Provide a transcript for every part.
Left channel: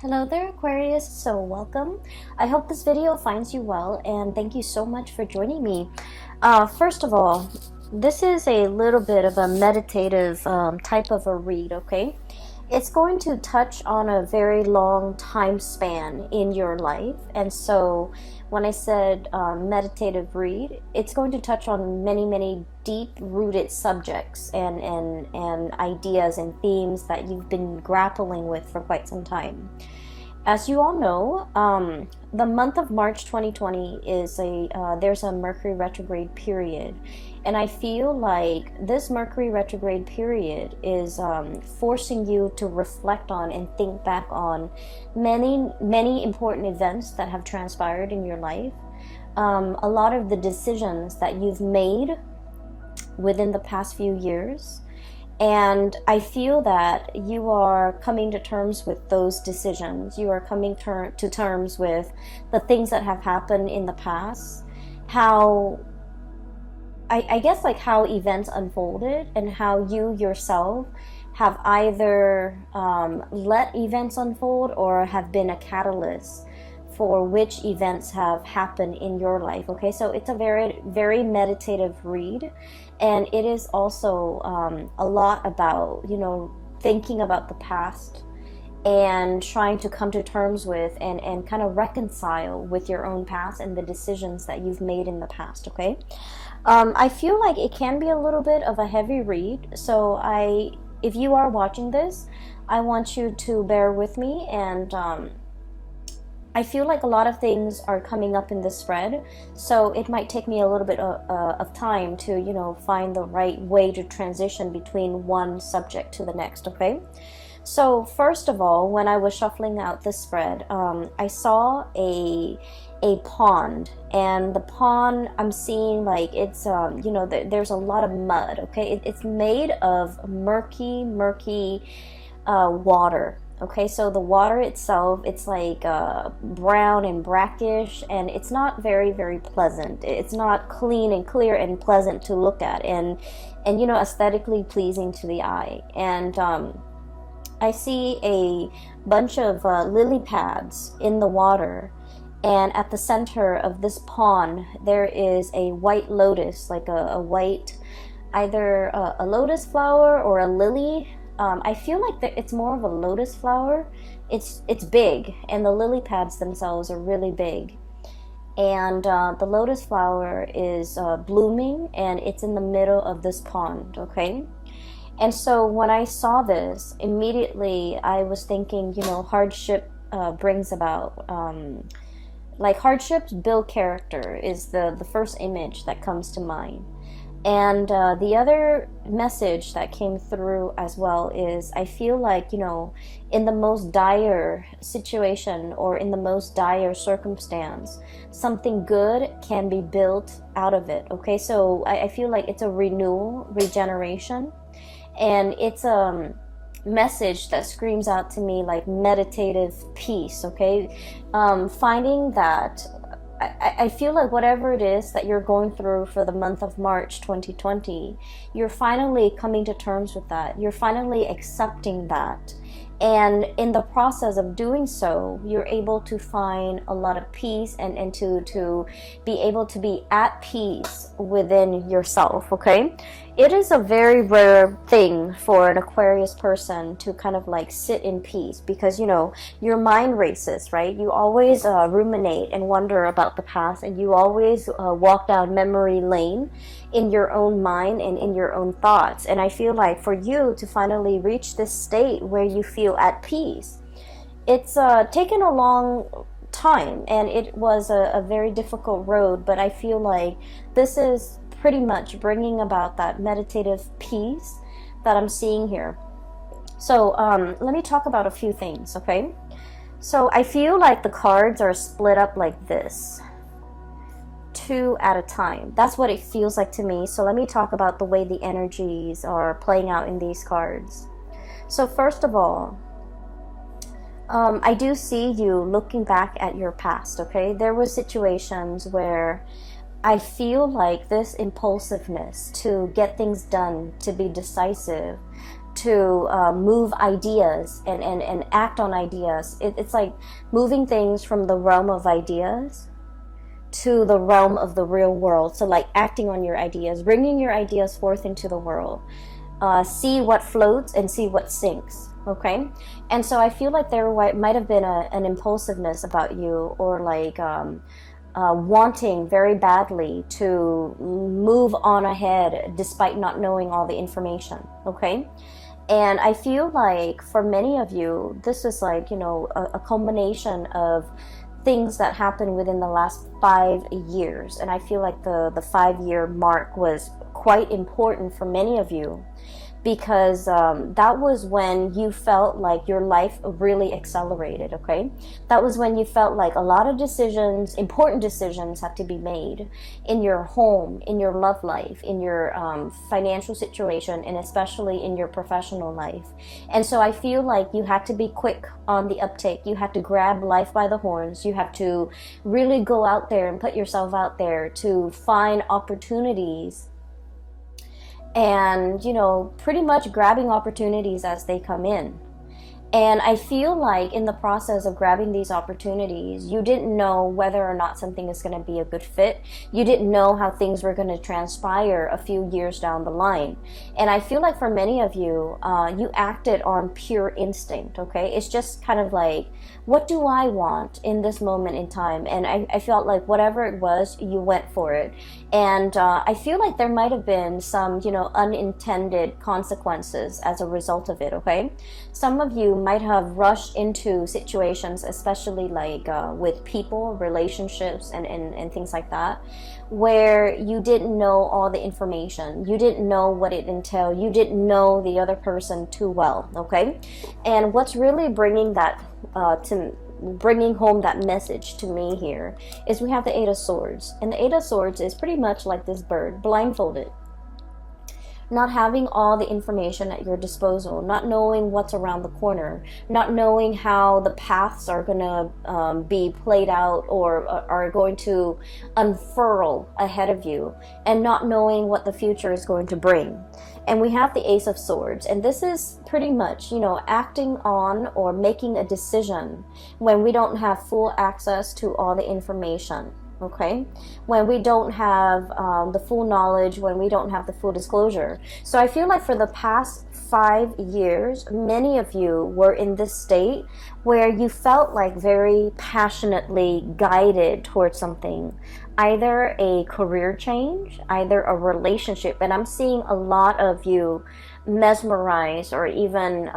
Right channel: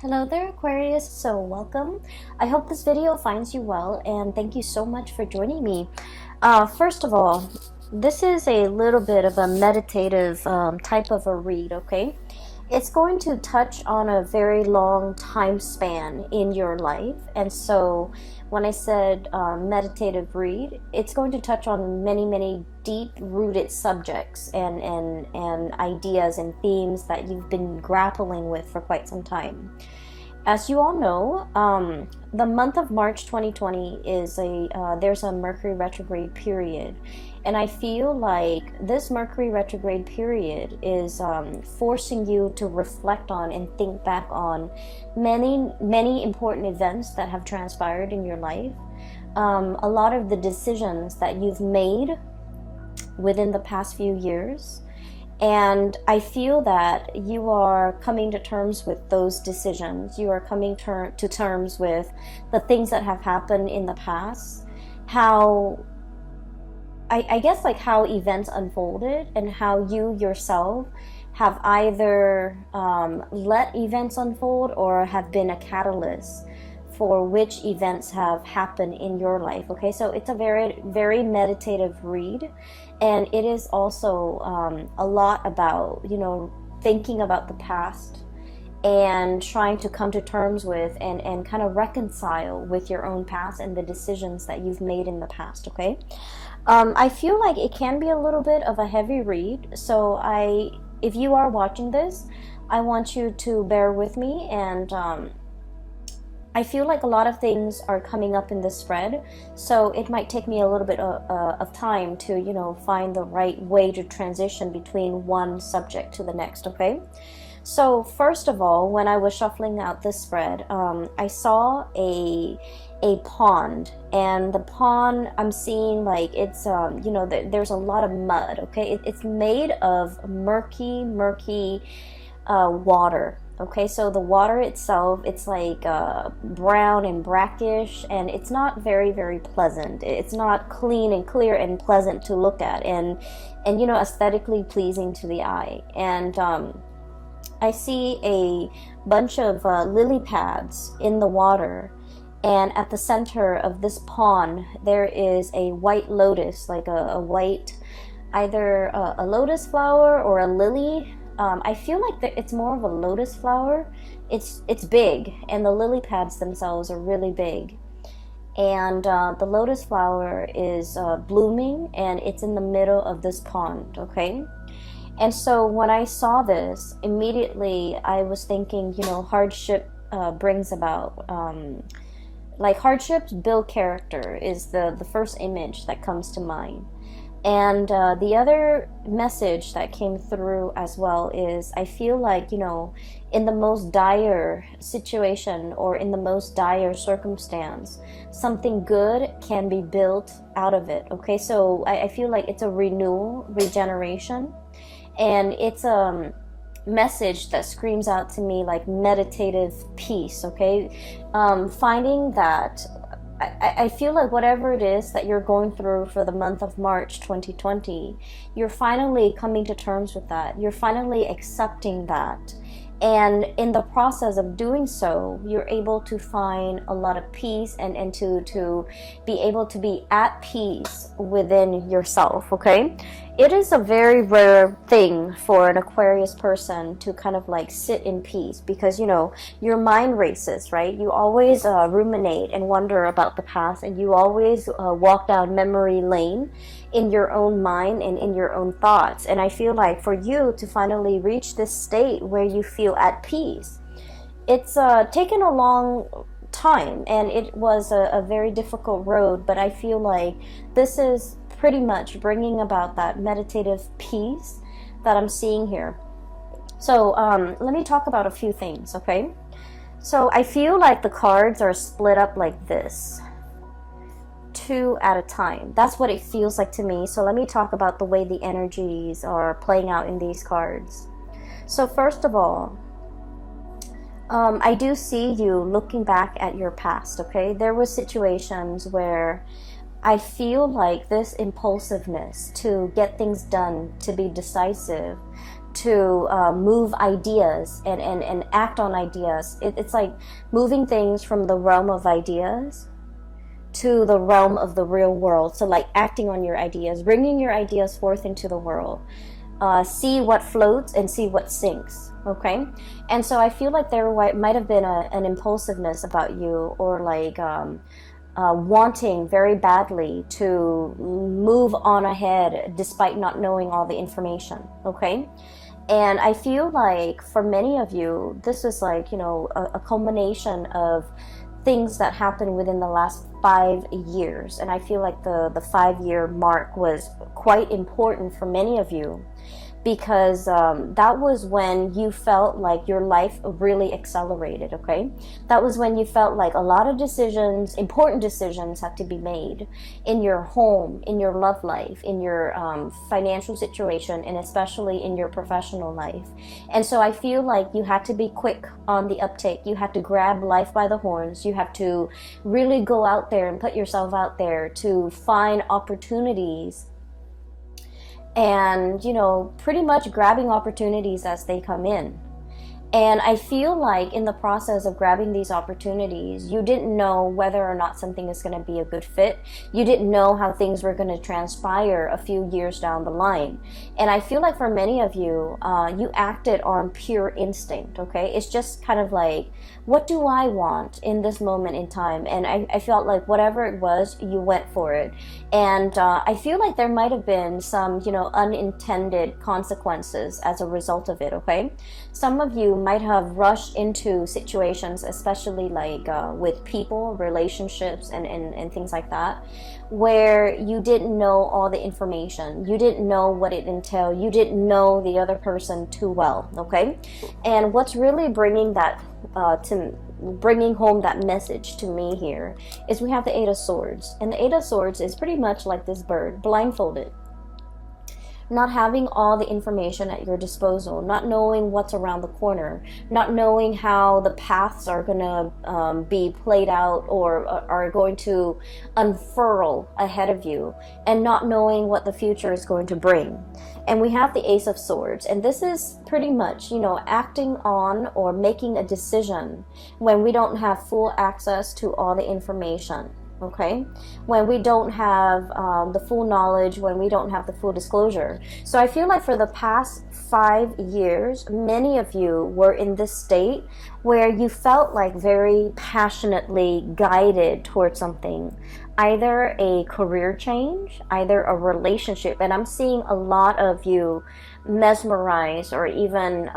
Hello there, Aquarius. So welcome. I hope this video finds you well, and thank you so much for joining me. First of all, this is a little bit of a meditative type of a read, okay? It's going to touch on a very long time span in your life, and so when I said meditative read, it's going to touch on many deep-rooted subjects and ideas and themes that you've been grappling with for quite some time. As you all know, the month of March 2020 is there's a Mercury retrograde period, and I feel like this Mercury retrograde period is forcing you to reflect on and think back on many important events that have transpired in your life. A lot of the decisions that you've made within the past few years. And I feel that you are coming to terms with those decisions. You are coming to terms with the things that have happened in the past. How, I guess, like how events unfolded and how you yourself have either let events unfold or have been a catalyst for which events have happened in your life. Okay, so it's a very meditative read, and it is also a lot about, thinking about the past and trying to come to terms with and kind of reconcile with your own past and the decisions that you've made in the past. Okay, I feel like it can be a little bit of a heavy read, so if you are watching this, I want you to bear with me, and I feel like a lot of things are coming up in this spread, so it might take me a little bit of time to, find the right way to transition between one subject to the next, okay? So first of all, when I was shuffling out this spread, I saw a pond, and the pond, I'm seeing like it's, there's a lot of mud, okay? It's made of murky water. Okay, so the water itself, it's like brown and brackish, and it's not very pleasant. It's not clean and clear and pleasant to look at, and aesthetically pleasing to the eye. And I see a bunch of lily pads in the water, and at the center of this pond there is a white lotus, like a white, either a lotus flower or a lily. I feel like it's more of a lotus flower. It's big, and the lily pads themselves are really big. And the lotus flower is blooming, and it's in the middle of this pond, okay? And so when I saw this, immediately I was thinking, hardship brings about, like hardships build character is the first image that comes to mind. And the other message that came through as well is I feel like, in the most dire situation or in the most dire circumstance, something good can be built out of it. Okay, so I feel like it's a renewal, regeneration, and it's a message that screams out to me like meditative peace. Okay, finding that I feel like whatever it is that you're going through for the month of March 2020, you're finally coming to terms with that. You're finally accepting that. And in the process of doing so, you're able to find a lot of peace and to be able to be at peace within yourself, okay? It is a very rare thing for an Aquarius person to kind of like sit in peace because, your mind races, right? You always ruminate and wonder about the past, and you always walk down memory lane in your own mind and in your own thoughts. And I feel like for you to finally reach this state where you feel at peace, it's taken a long time, and it was a very difficult road, but I feel like this is pretty much bringing about that meditative peace that I'm seeing here. So let me talk about a few things, okay? So I feel like the cards are split up like this, two at a time. That's what it feels like to me. So let me talk about the way the energies are playing out in these cards. So first of all, I do see you looking back at your past, okay? There were situations where I feel like this impulsiveness to get things done, to be decisive, to move ideas and act on ideas. It's like moving things from the realm of ideas to the realm of the real world. So like acting on your ideas, bringing your ideas forth into the world. See what floats and see what sinks. Okay, and so I feel like there might have been an impulsiveness about you, or like wanting very badly to move on ahead despite not knowing all the information. Okay, and I feel like for many of you, this is like, you know, a culmination of things that happened within the last 5 years. And I feel like the 5-year mark was quite important for many of you, because that was when you felt like your life really accelerated. Okay, that was when you felt like a lot of decisions, important decisions, had to be made in your home, in your love life, in your financial situation, and especially in your professional life. And so I feel like you had to be quick on the uptake. You had to grab life by the horns. You have to really go out there and put yourself out there to find opportunities, and, you know, pretty much grabbing opportunities as they come in. And I feel like in the process of grabbing these opportunities, you didn't know whether or not something was going to be a good fit. You didn't know how things were going to transpire a few years down the line. And I feel like for many of you, you acted on pure instinct, okay? It's just kind of like, what do I want in this moment in time? And I felt like whatever it was, you went for it. And I feel like there might have been some, you know, unintended consequences as a result of it, okay? Some of you might have rushed into situations, especially like with people, relationships, and things like that, where you didn't know all the information. You didn't know what it entailed. You didn't know the other person too well, okay? And what's really bringing that bringing home that message to me here is we have the 8 of Swords. And the 8 of Swords is pretty much like this bird, blindfolded. Not having all the information at your disposal, not knowing what's around the corner, not knowing how the paths are going to be played out or are going to unfurl ahead of you, and not knowing what the future is going to bring. And we have the Ace of Swords, and this is pretty much, you know, acting on or making a decision when we don't have full access to all the information. Okay, when we don't have the full knowledge, when we don't have the full disclosure. So I feel like for the past 5 years, many of you were in this state where you felt like very passionately guided towards something, either a career change, either a relationship. And I'm seeing a lot of you mesmerized or even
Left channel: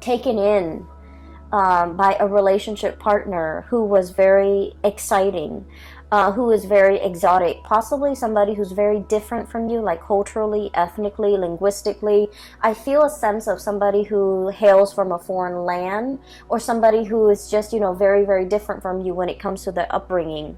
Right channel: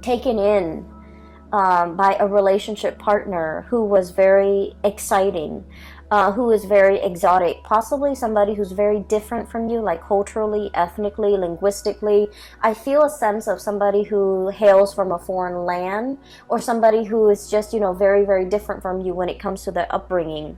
taken in by a relationship partner who was very exciting, who is very exotic, possibly somebody who's very different from you, like culturally, ethnically, linguistically. I feel a sense of somebody who hails from a foreign land, or somebody who is just, you know, very, very different from you when it comes to their upbringing.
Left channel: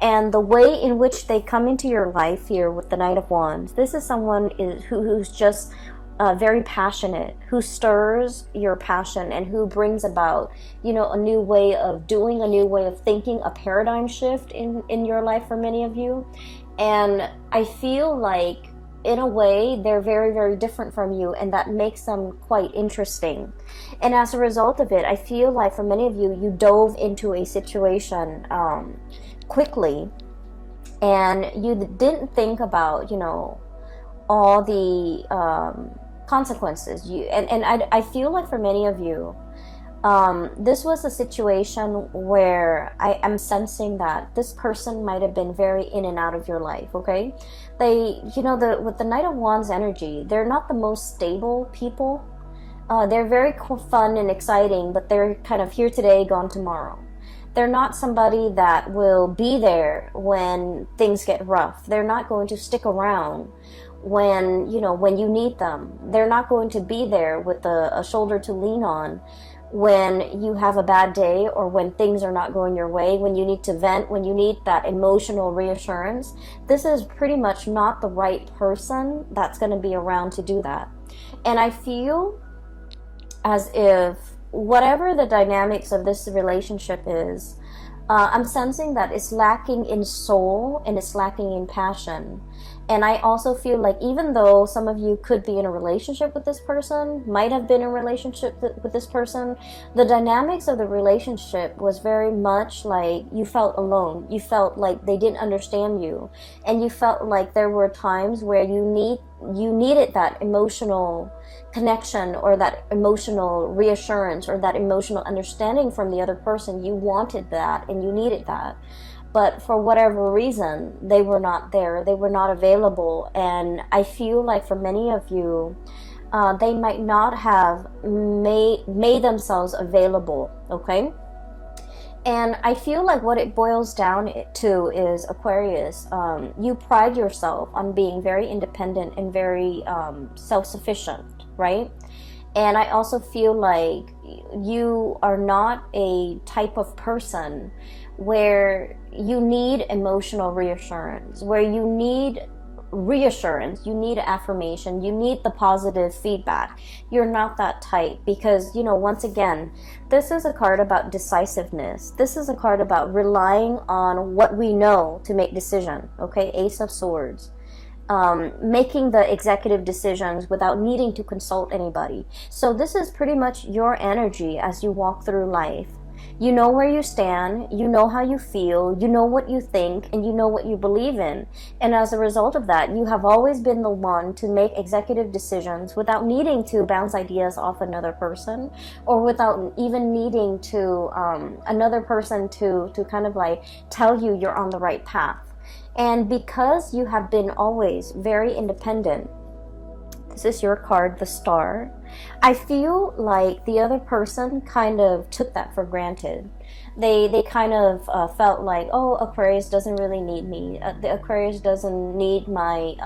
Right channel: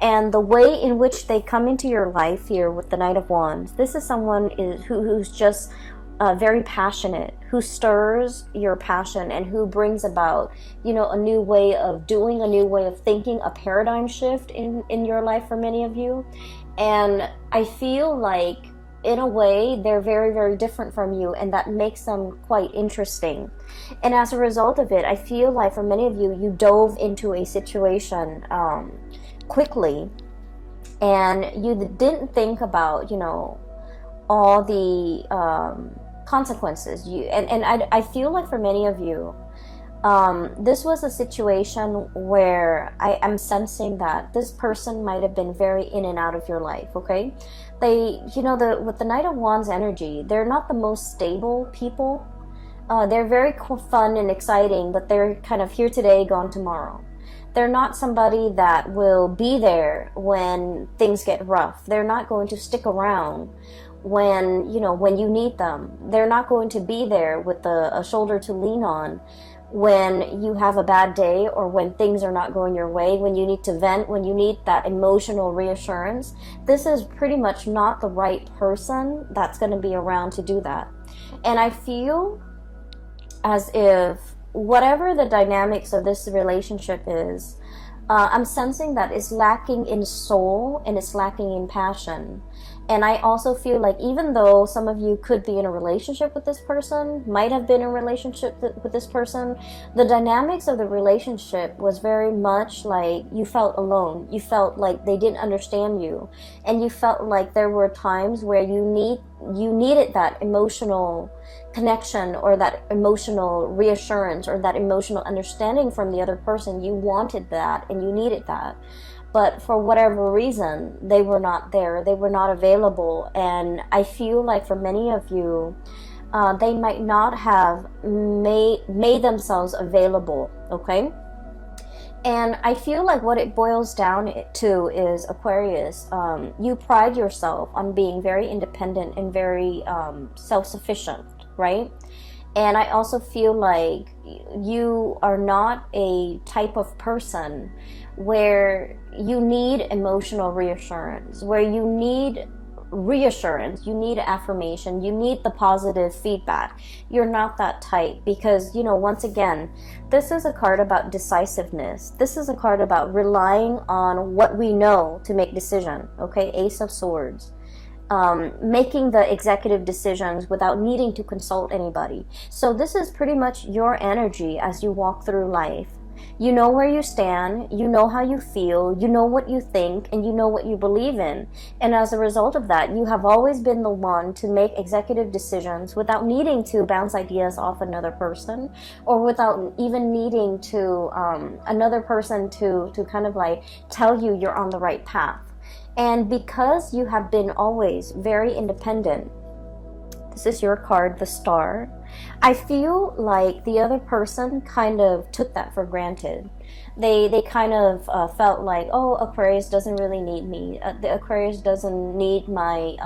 And the way in which they come into your life here with the Knight of Wands, this is someone who's just very passionate, who stirs your passion, and who brings about, you know, a new way of doing, a new way of thinking, a paradigm shift in your life for many of you. And I feel like, in a way, they're very, very different from you, and that makes them quite interesting. And as a result of it, I feel like for many of you, you dove into a situation quickly, and you didn't think about, you know, all the consequences. I feel like for many of you, this was a situation where I am sensing that this person might have been very in and out of your life, okay? They, you know, with the Knight of Wands energy, they're not the most stable people. They're very fun and exciting, but they're kind of here today, gone tomorrow. They're not somebody that will be there when things get rough. They're not going to stick around when, you know, when you need them. They're not going to be there with a shoulder to lean on when you have a bad day, or when things are not going your way, when you need to vent, when you need that emotional reassurance. This is pretty much not the right person that's going to be around to do that. And I feel as if whatever the dynamics of this relationship is, I'm sensing that it's lacking in soul and it's lacking in passion. And I also feel like even though some of you could be in a relationship with this person, might have been in a relationship with this person, the dynamics of the relationship was very much like you felt alone. You felt like they didn't understand you. And you felt like there were times where you needed that emotional connection, or that emotional reassurance, or that emotional understanding from the other person. You wanted that and you needed that. But for whatever reason, they were not there. They were not available. And I feel like for many of you, they might not have made themselves available, okay? And I feel like what it boils down to is, Aquarius, you pride yourself on being very independent and very self-sufficient, right? And I also feel like you are not a type of person where you need emotional reassurance, where you need reassurance, you need affirmation, you need the positive feedback. You're not that type, because, you know, once again, this is a card about decisiveness. This is a card about relying on what we know to make decision, okay? Ace of Swords. Making the executive decisions without needing to consult anybody. So this is pretty much your energy as you walk through life. You know where you stand, you know how you feel, you know what you think, and you know what you believe in. And as a result of that, you have always been the one to make executive decisions without needing to bounce ideas off another person, or without even needing to another person to kind of like tell you you're on the right path. And because you have been always very independent, this is your card, the Star. I feel like the other person kind of took that for granted. They kind of felt like, oh, Aquarius doesn't really need me. The Aquarius doesn't need my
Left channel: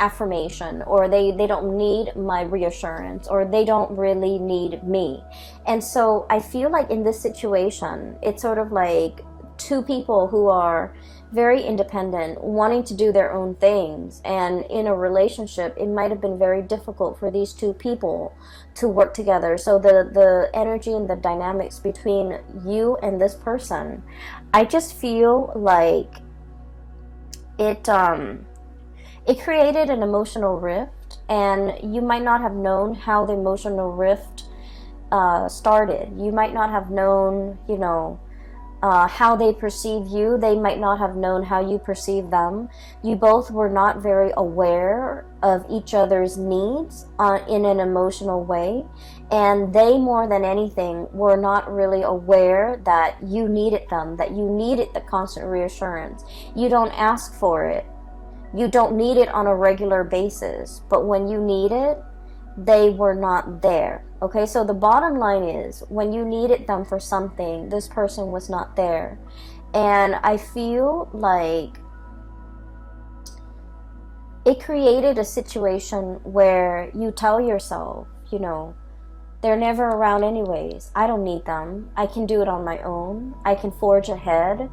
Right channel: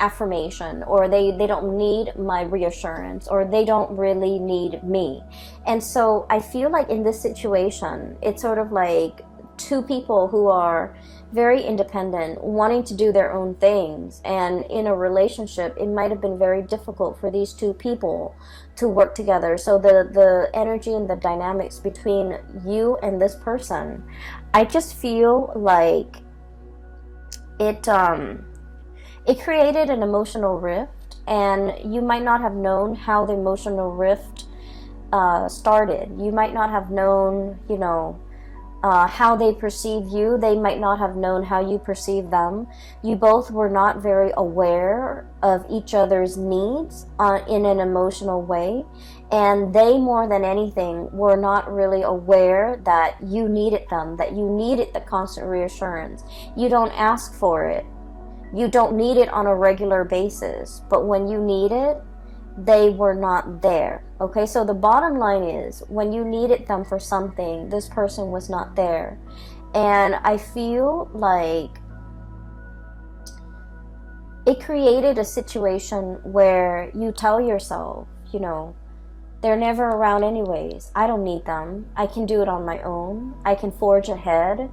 affirmation, or they don't need my reassurance, or they don't really need me. And so I feel like in this situation, it's sort of like two people who are very independent, wanting to do their own things. And in a relationship, it might have been very difficult for these two people to work together. So the energy and the dynamics between you and this person, I just feel like it created an emotional rift, and you might not have known how the emotional rift started. You might not have known, you know, how they perceive you. They might not have known how you perceive them. You both were not very aware of each other's needs in an emotional way. And they, more than anything, were not really aware that you needed them, that you needed the constant reassurance. You don't ask for it. You don't need it on a regular basis. But when you need it, they were not there. Okay, so the bottom line is, when you needed them for something, this person was not there. And I feel like it created a situation where you tell yourself, you know, they're never around anyways. I don't need them. I can do it on my own. I can forge ahead.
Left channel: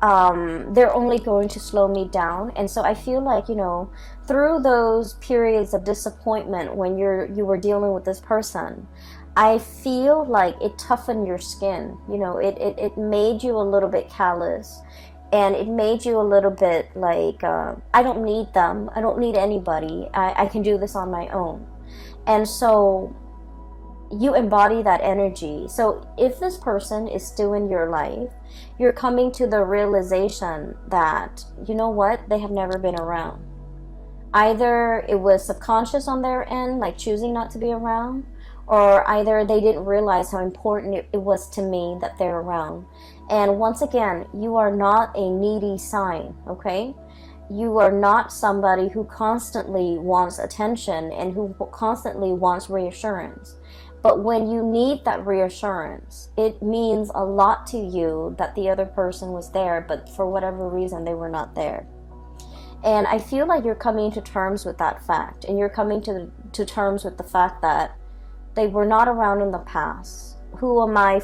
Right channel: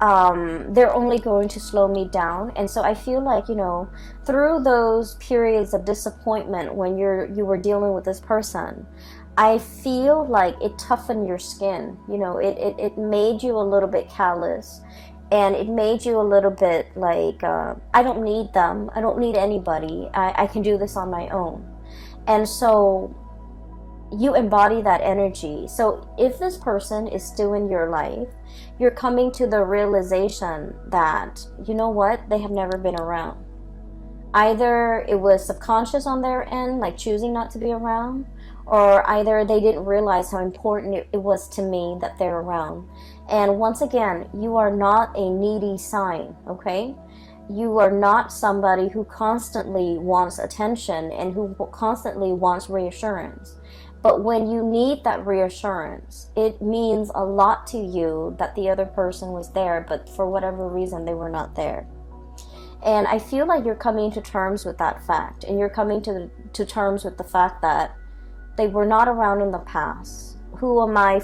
They're only going to slow me down. And so I feel like, you know, through those periods of disappointment when you were dealing with this person, I feel like it toughened your skin. You know, it made you a little bit callous, and it made you a little bit like, I don't need them. I don't need anybody. I can do this on my own. And so you embody that energy. So if this person is still in your life, you're coming to the realization that, you know what, they have never been around. Either it was subconscious on their end, like choosing not to be around, or either they didn't realize how important it was to me that they're around. And once again, you are not a needy sign, okay? You are not somebody who constantly wants attention and who constantly wants reassurance. But when you need that reassurance, it means a lot to you that the other person was there, but for whatever reason, they were not there. And I feel like you're coming to terms with that fact, and you're coming to terms with the fact that they were not around in the past. Who am I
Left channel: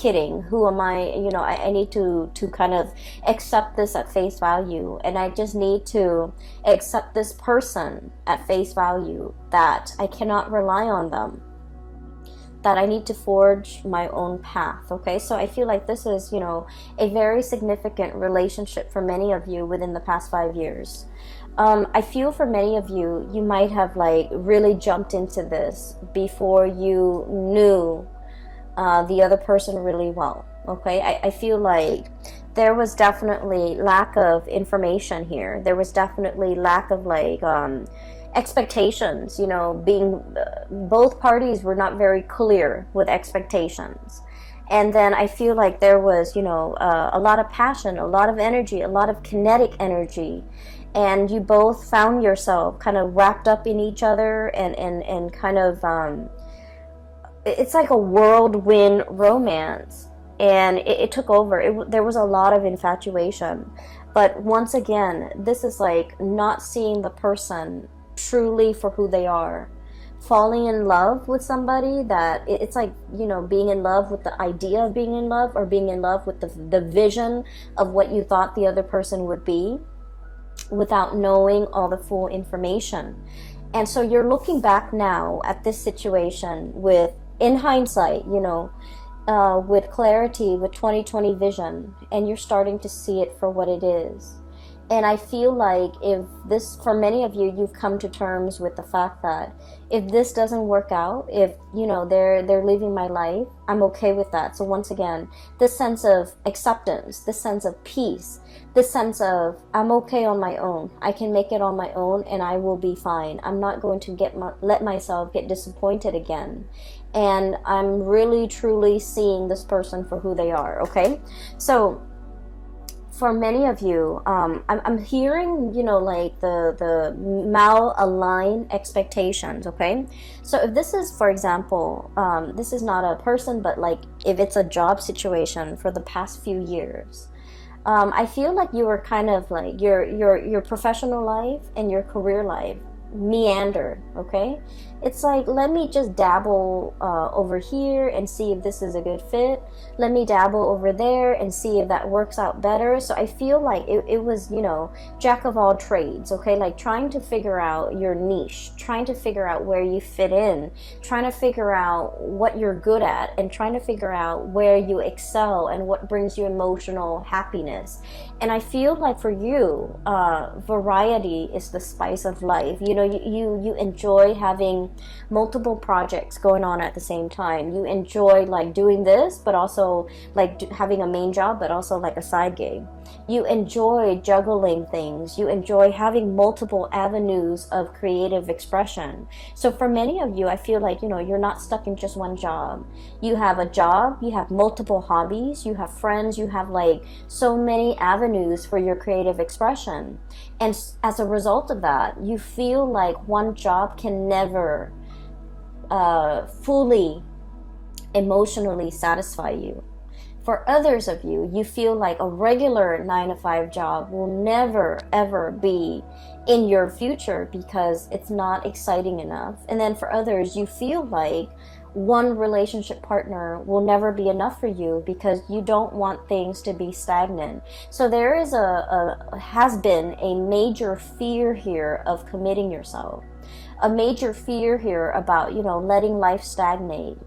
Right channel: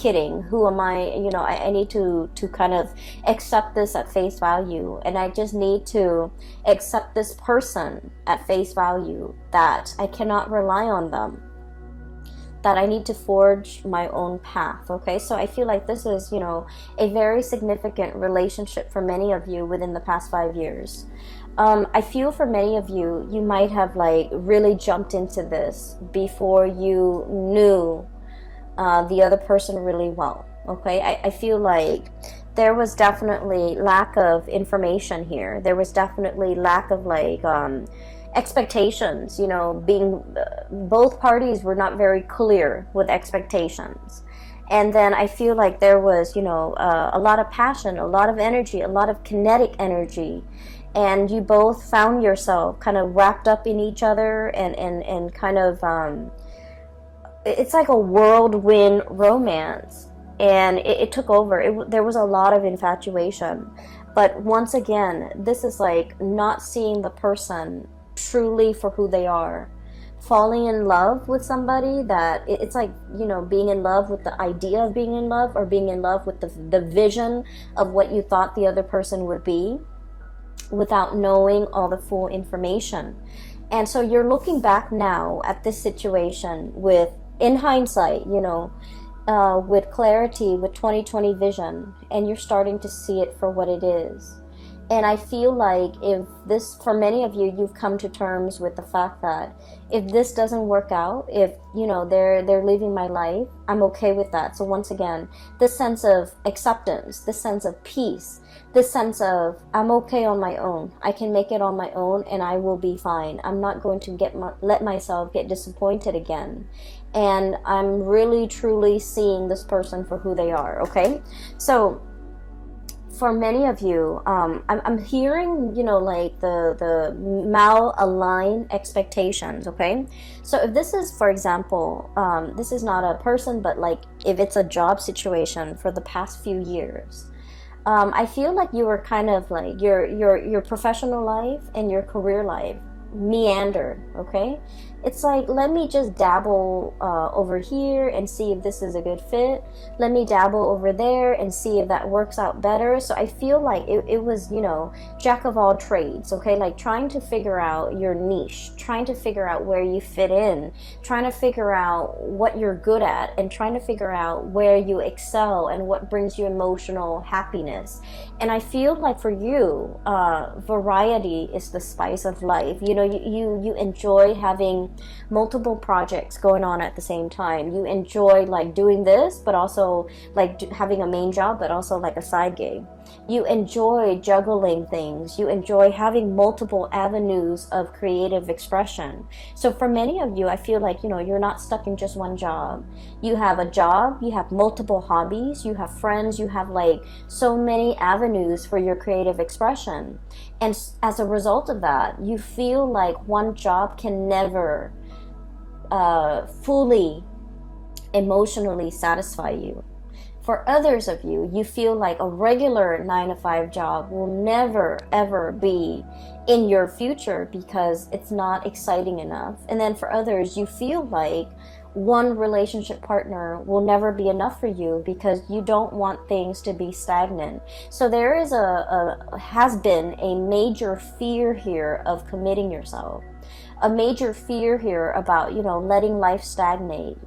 kidding? Who am I? You know, I need to kind of accept this at face value, and I just need to accept this person at face value, that I cannot rely on them. that I need to forge my own path. Okay, so I feel like this is, you know, a very significant relationship for many of you within the past 5 years. I feel for many of you, you might have like really jumped into this before you knew the other person really well. Okay, I feel like there was definitely lack of information here. There was definitely lack of like expectations, you know, being both parties were not very clear with expectations. And then I feel like there was, you know, a lot of passion, a lot of energy, a lot of kinetic energy, and you both found yourself kind of wrapped up in each other, and kind of it's like a whirlwind romance, and it took over. There was a lot of infatuation, but once again, this is like not seeing the person truly for who they are, falling in love with somebody that it's like, you know, being in love with the idea of being in love, or being in love with the vision of what you thought the other person would be, without knowing all the full information. And so you're looking back now at this situation with, in hindsight, you know, with clarity, with 2020 vision, and you're starting to see it for what it is. And I feel like if this, for many of you, you've come to terms with the fact that if this doesn't work out, if, you know, they're living my life, I'm okay with that. So once again, this sense of acceptance, this sense of peace, this sense of I'm okay on my own. I can make it on my own, and I will be fine. I'm not going to let myself get disappointed again. And I'm really truly seeing this person for who they are. Okay, so for many of you, I'm hearing, you know, like the mal-aligned expectations. Okay, so if this is, for example, this is not a person, but like if it's a job situation for the past few years, I feel like you were kind of like your professional life and your career life meander. Okay, it's like, let me just dabble over here and see if this is a good fit. Let me dabble over there and see if that works out better. So I feel like it was, you know, jack of all trades. Okay, like trying to figure out your niche, trying to figure out where you fit in, trying to figure out what you're good at, and trying to figure out where you excel and what brings you emotional happiness. And I feel like for you, variety is the spice of life. You know, you enjoy having multiple projects going on at the same time. You enjoy like doing this, but also like having a main job, but also like a side gig. You enjoy juggling things. You enjoy having multiple avenues of creative expression. So for many of you, I feel like, you know, you're not stuck in just one job. You have a job, you have multiple hobbies, you have friends, you have like so many avenues for your creative expression. And as a result of that, you feel like one job can never fully emotionally satisfy you. For others of you, you feel like a regular 9-to-5 job will never ever be in your future because it's not exciting enough. And then for others, you feel like one relationship partner will never be enough for you because you don't want things to be stagnant. So there is has been a major fear here of committing yourself, a major fear here about, you know, letting life stagnate,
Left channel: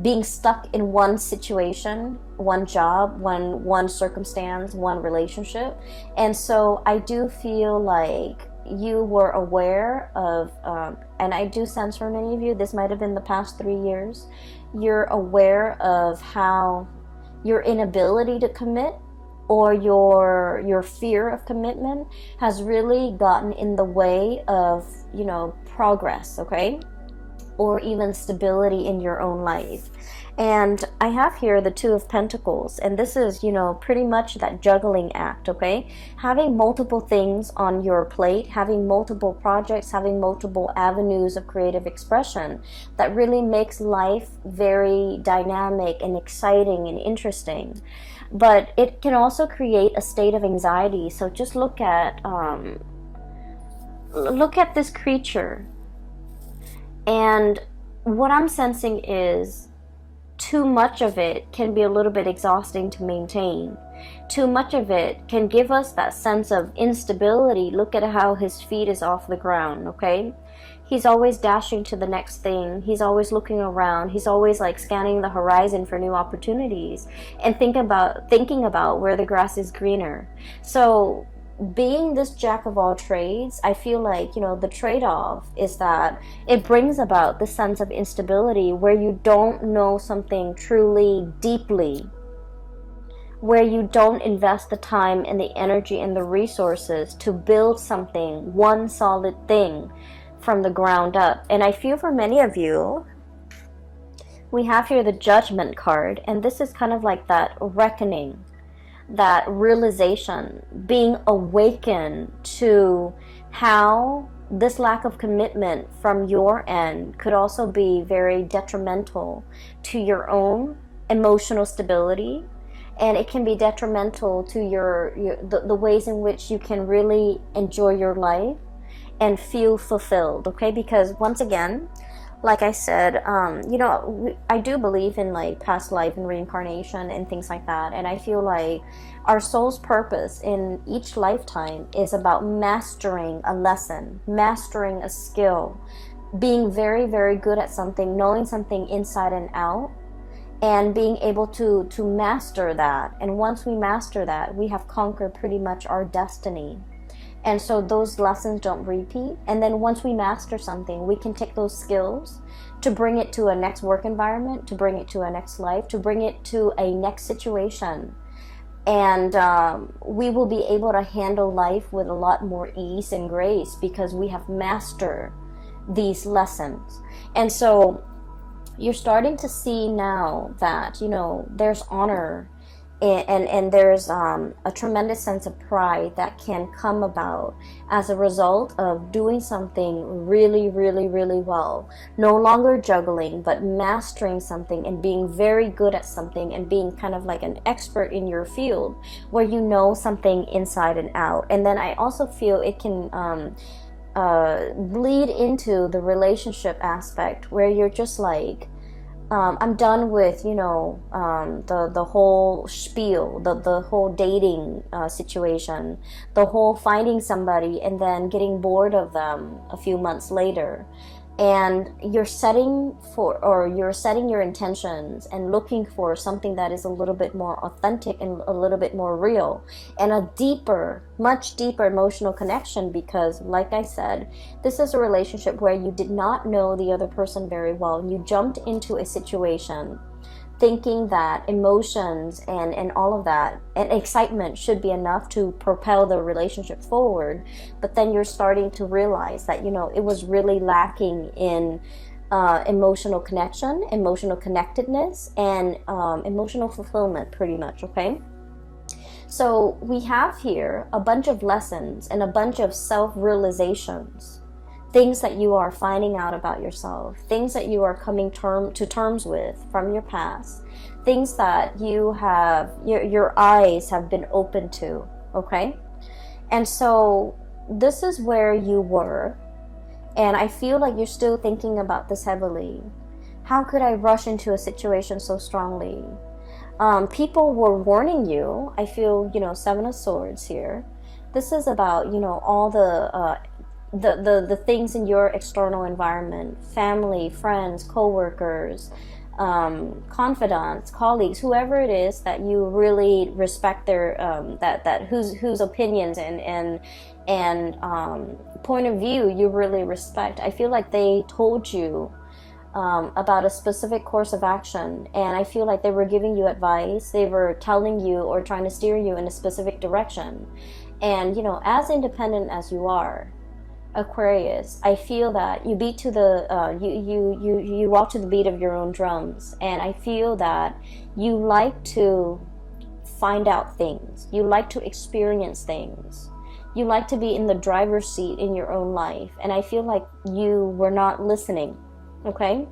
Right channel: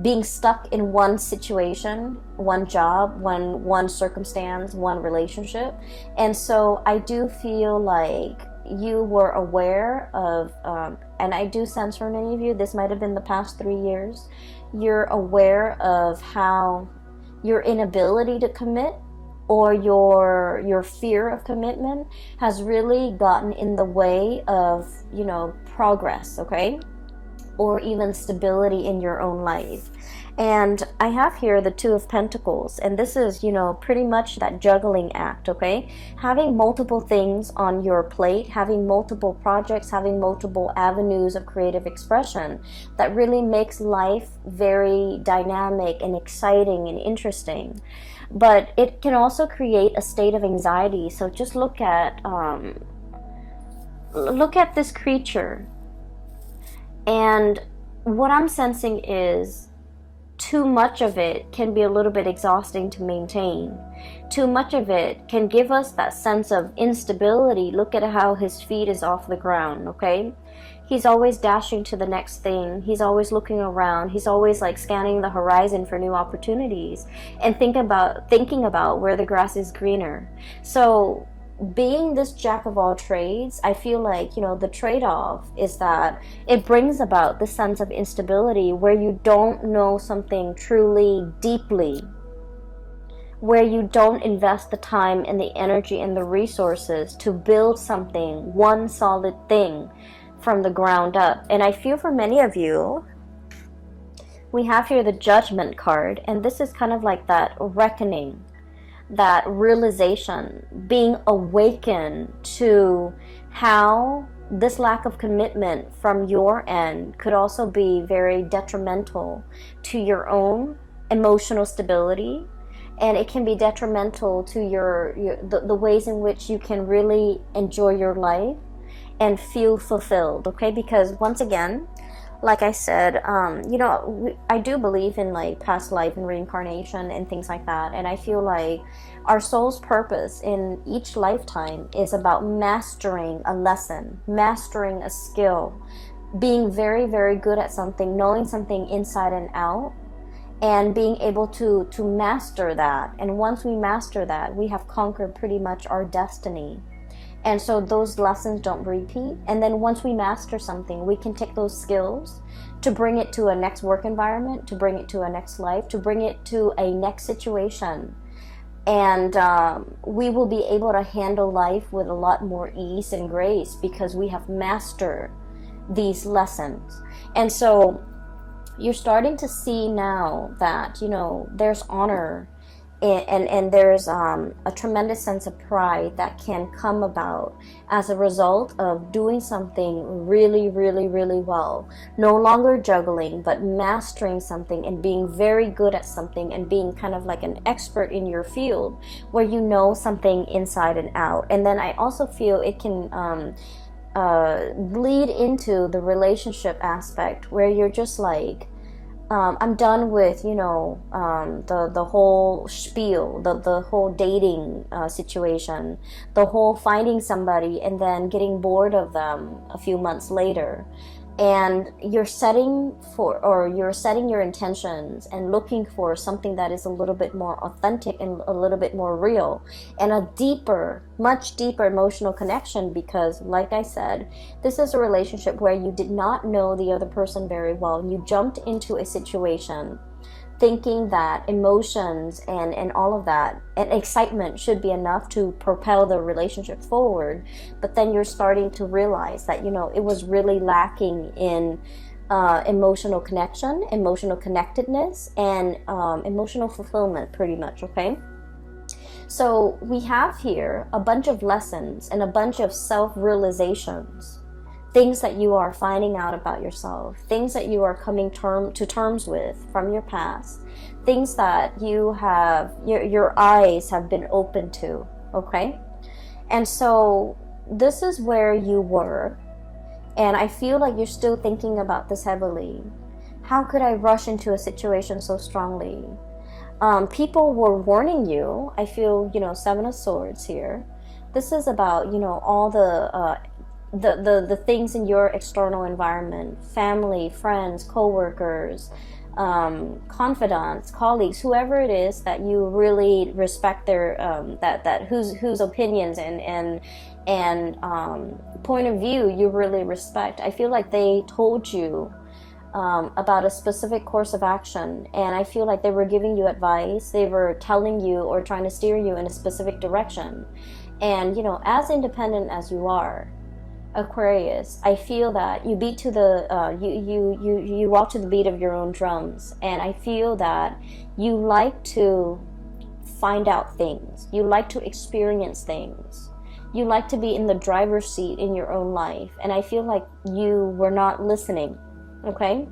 being stuck in one situation, one job, one circumstance, one relationship. And so I do feel like you were aware of, and I do sense for many of you, this might have been the past 3 years, you're aware of how your inability to commit, or your fear of commitment, has really gotten in the way of, you know, progress, okay? Or even stability in your own life. And I have here the Two of Pentacles, and this is, you know, pretty much that juggling act, okay? Having multiple things on your plate, having multiple projects, having multiple avenues of creative expression that really makes life very dynamic and exciting and interesting. But it can also create a state of anxiety. So just look at this creature. And what I'm sensing is too much of it can be a little bit exhausting to maintain. Too much of it can give us that sense of instability. Look at how his feet is off the ground, okay? He's always dashing to the next thing. He's always looking around. He's always like scanning the horizon for new opportunities and thinking about where the grass is greener. So being this jack of all trades, I feel like, the trade-off is that it brings about the sense of instability where you don't know something truly deeply, where you don't invest the time and the energy and the resources to build something, one solid thing from the ground up. And I feel for many of you, we have here the Judgment card, and this is kind of like that reckoning, that realization, being awakened to how this lack of commitment from your end could also be very detrimental to your own emotional stability, and it can be detrimental to the ways in which you can really enjoy your life and feel fulfilled. Okay, because once again, like I said, I do believe in like past life and reincarnation and things like that. And I feel like our soul's purpose in each lifetime is about mastering a lesson, mastering a skill, being very, very good at something, knowing something inside and out, and being able to master that. And once we master that, we have conquered pretty much our destiny. And so those lessons don't repeat. And then once we master something, we can take those skills to bring it to a next work environment, to bring it to a next life, to bring it to a next situation. And we will be able to handle life with a lot more ease and grace because we have mastered these lessons. And so you're starting to see now that, there's honor and there's a tremendous sense of pride that can come about as a result of doing something really, really, really well. No longer juggling, but mastering something and being very good at something and being kind of like an expert in your field where you know something inside and out. And then I also feel it can bleed into the relationship aspect where you're just like, I'm done with, the whole spiel, the whole dating situation, the whole finding somebody and then getting bored of them a few months later. And you're setting your intentions and looking for something that is a little bit more authentic and a little bit more real and a deeper, much deeper emotional connection, because like I said, this is a relationship where you did not know the other person very well. You jumped into a situation thinking that emotions and all of that and excitement should be enough to propel the relationship forward, but then you're starting to realize that it was really lacking in emotional connection, emotional connectedness, and emotional fulfillment, pretty much. Okay, so we have here a bunch of lessons and a bunch of self-realizations, things that you are finding out about yourself, things that you are coming to terms with from your past, things that you have, your eyes have been open to, okay? And so this is where you were, and I feel like you're still thinking about this heavily. How could I rush into a situation so strongly? People were warning you. I feel, Seven of Swords here. This is about, all the things in your external environment, family, friends, co-workers, confidants, colleagues, whoever it is that you really respect their whose opinions and point of view you really respect. I feel like they told you about a specific course of action, and I feel like they were giving you advice. They were telling you or trying to steer you in a specific direction. And as independent as you are, Aquarius, I feel that you beat to the you walk to the beat of your own drums, and I feel that you like to find out things, you like to experience things, you like to be in the driver's seat in your own life, and I feel like you were not listening. Okay,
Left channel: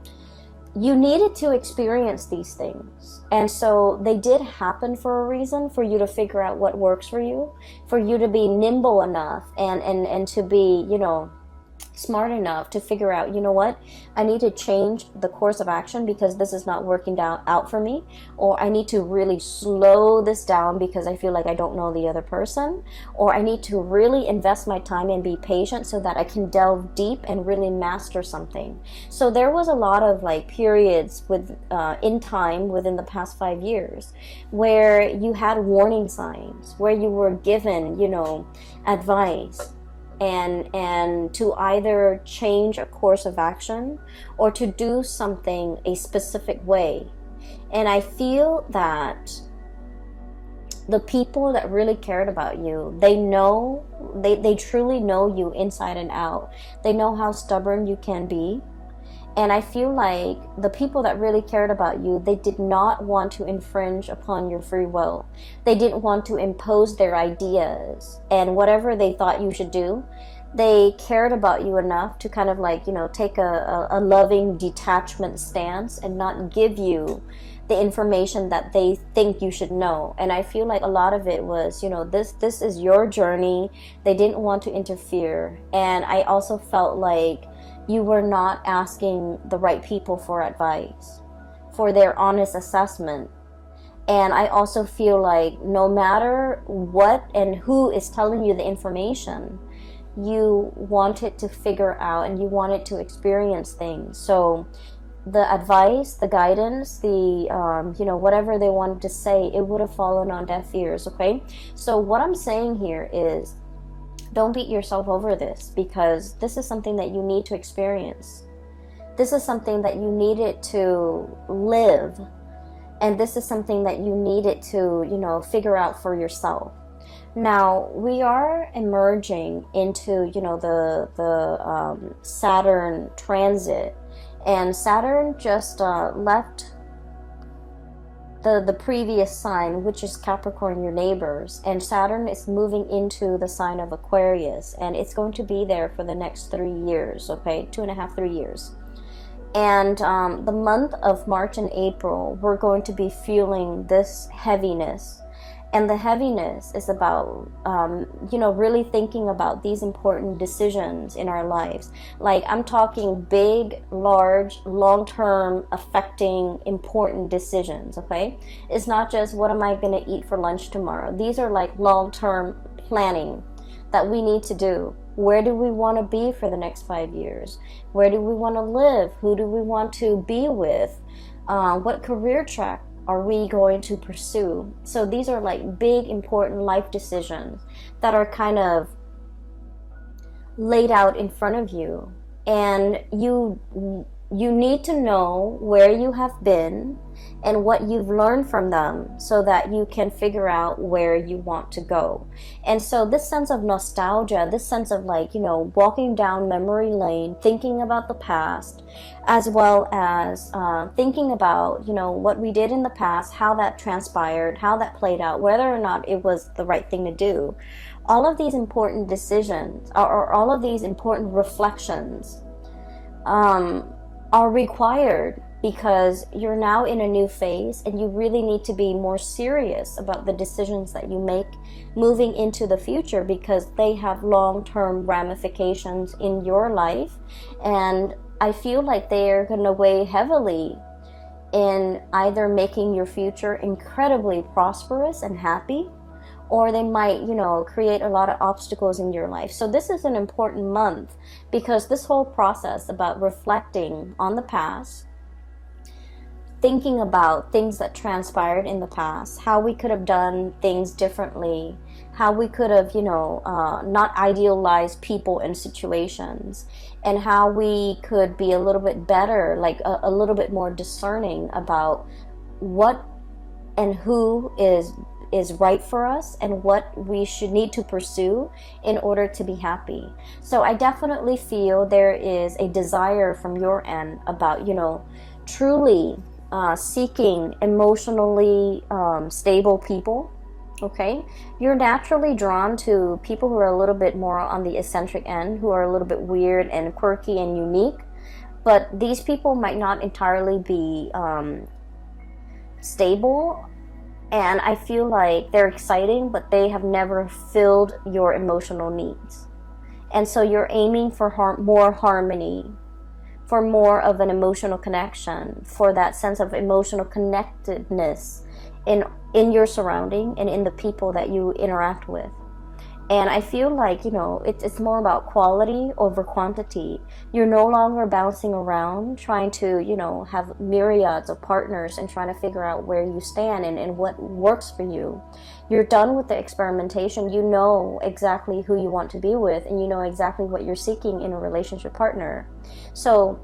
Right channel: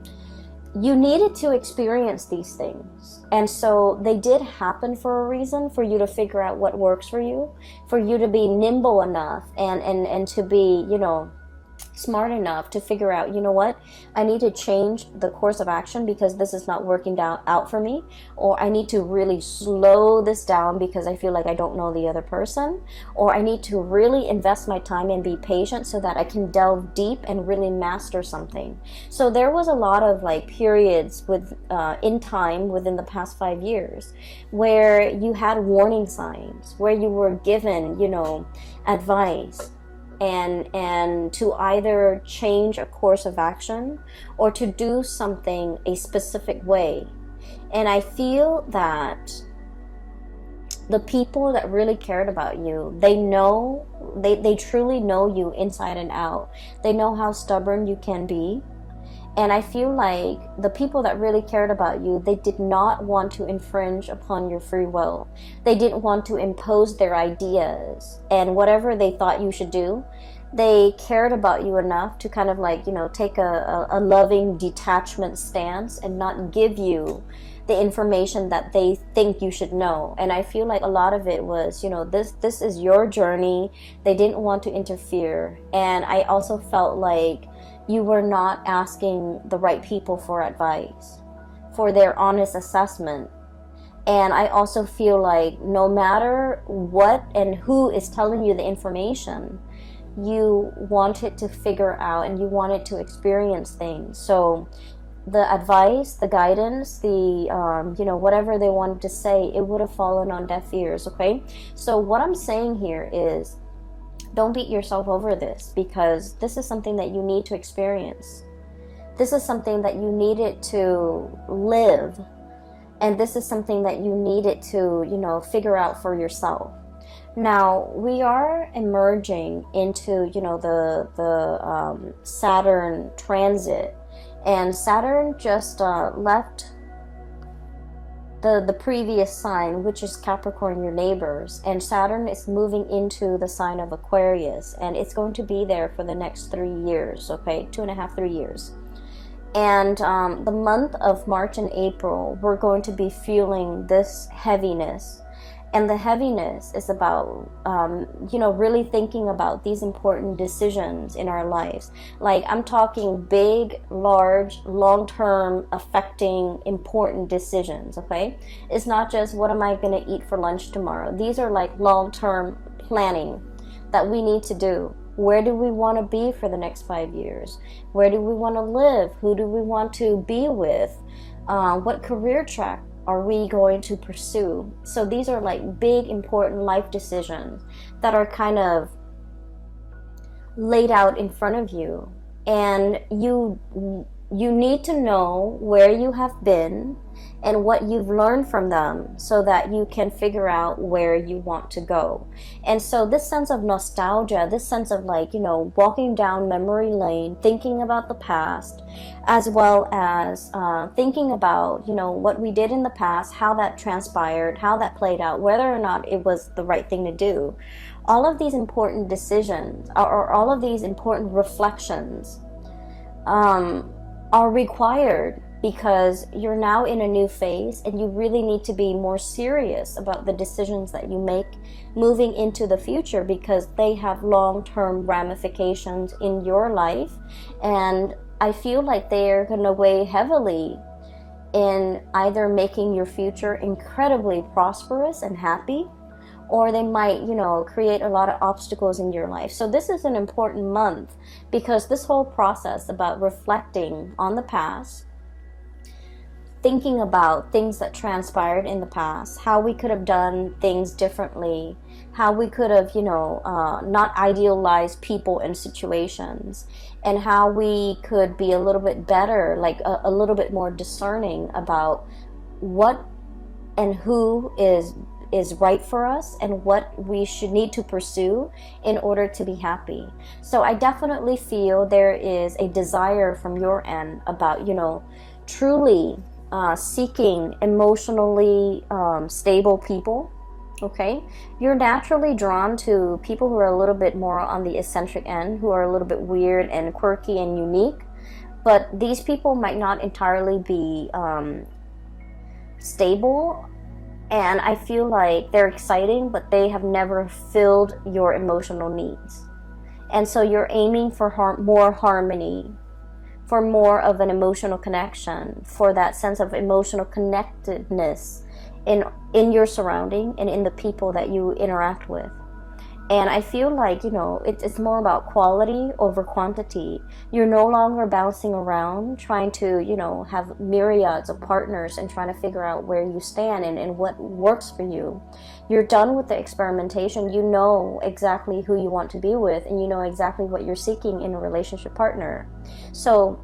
you needed to experience these things, and so they did happen for a reason, for you to figure out what works for you, for you to be nimble enough and to be smart enough to figure out, you know what, I need to change the course of action because this is not working out for me, or I need to really slow this down because I feel like I don't know the other person, or I need to really invest my time and be patient so that I can delve deep and really master something. So there was a lot of like periods with in time within the past 5 years where you had warning signs, where you were given, you know, advice, and to either change a course of action or to do something a specific way. And I feel that the people that really cared about you, they truly know you inside and out. They know how stubborn you can be. And I feel like the people that really cared about you, they did not want to infringe upon your free will. They didn't want to impose their ideas and whatever they thought you should do. They cared about you enough to kind of like, you know, take a loving detachment stance and not give you the information that they think you should know. And I feel like a lot of it was, you know, this is your journey. They didn't want to interfere. And I also felt like you were not asking the right people for advice, for their honest assessment. And I also feel like no matter what and who is telling you the information, you wanted to figure out and you wanted to experience things. So the advice, the guidance, the you know, whatever they wanted to say, it would have fallen on deaf ears. Okay, so what I'm saying here is, don't beat yourself over this, because this is something that you need to experience. This is something that you needed to live. And this is something that you needed to, you know, figure out for yourself. Now, we are emerging into, you know, the Saturn transit. And Saturn just left the previous sign, which is Capricorn, your neighbors, and Saturn is moving into the sign of Aquarius, and it's going to be there for the next 3 years, okay, 2.5, 3 years. And the month of March and April, we're going to be feeling this heaviness. And the heaviness is about, you know, really thinking about these important decisions in our lives. Like, I'm talking big, large, long-term, affecting, important decisions, okay? It's not just, what am I going to eat for lunch tomorrow? These are like long-term planning that we need to do. Where do we want to be for the next 5 years? Where do we want to live? Who do we want to be with? What career track are we going to pursue? So these are like big, important life decisions that are kind of laid out in front of you. And you need to know where you have been and what you've learned from them so that you can figure out where you want to go. And so this sense of nostalgia, this sense of like, you know, walking down memory lane, thinking about the past, as well as thinking about, you know, what we did in the past, how that transpired, how that played out, whether or not it was the right thing to do. All of these important decisions, or all of these important reflections, are required because you're now in a new phase and you really need to be more serious about the decisions that you make moving into the future, because they have long-term ramifications in your life. And I feel like they're going to weigh heavily in either making your future incredibly prosperous and happy, or they might, you know, create a lot of obstacles in your life. So this is an important month, because this whole process about reflecting on the past, thinking about things that transpired in the past, how we could have done things differently, how we could have, you know, not idealized people and situations, and how we could be a little bit better, like a little bit more discerning about what and who is right for us and what we should need to pursue in order to be happy. So I definitely feel there is a desire from your end about, you know, truly seeking emotionally stable people. Okay, you're naturally drawn to people who are a little bit more on the eccentric end, who are a little bit weird and quirky and unique, but these people might not entirely be stable. And I feel like they're exciting, but they have never filled your emotional needs. And so you're aiming for more harmony, for more of an emotional connection, for that sense of emotional connectedness in your surrounding and in the people that you interact with. And I feel like, you know, it's more about quality over quantity. You're no longer bouncing around trying to, you know, have myriads of partners and trying to figure out where you stand and what works for you. You're done with the experimentation. You know exactly who you want to be with, and you know exactly what you're seeking in a relationship partner. So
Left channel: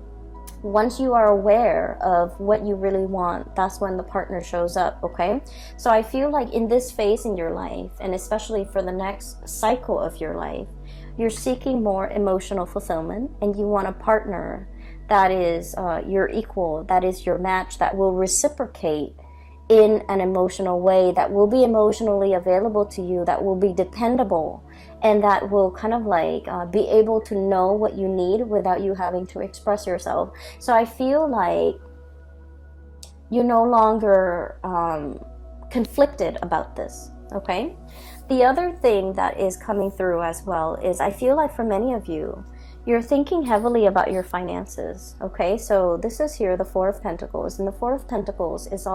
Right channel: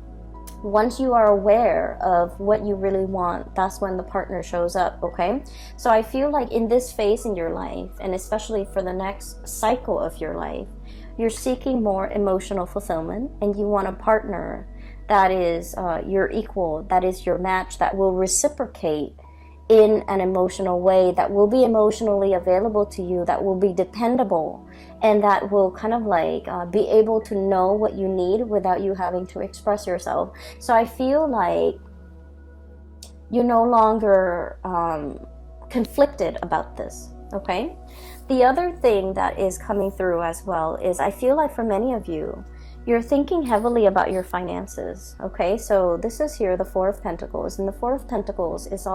once you are aware of what you really want, that's when the partner shows up, okay? So I feel like in this phase in your life, and especially for the next cycle of your life, you're seeking more emotional fulfillment, and you want a partner that is your equal, that is your match, that will reciprocate in an emotional way, that will be emotionally available to you, that will be dependable, and that will kind of like be able to know what you need without you having to express yourself. So I feel like you're no longer conflicted about this, okay? The other thing that is coming through as well is I feel like for many of you, you're thinking heavily about your finances, okay? So this is here, the Four of Pentacles, and the Four of Pentacles is all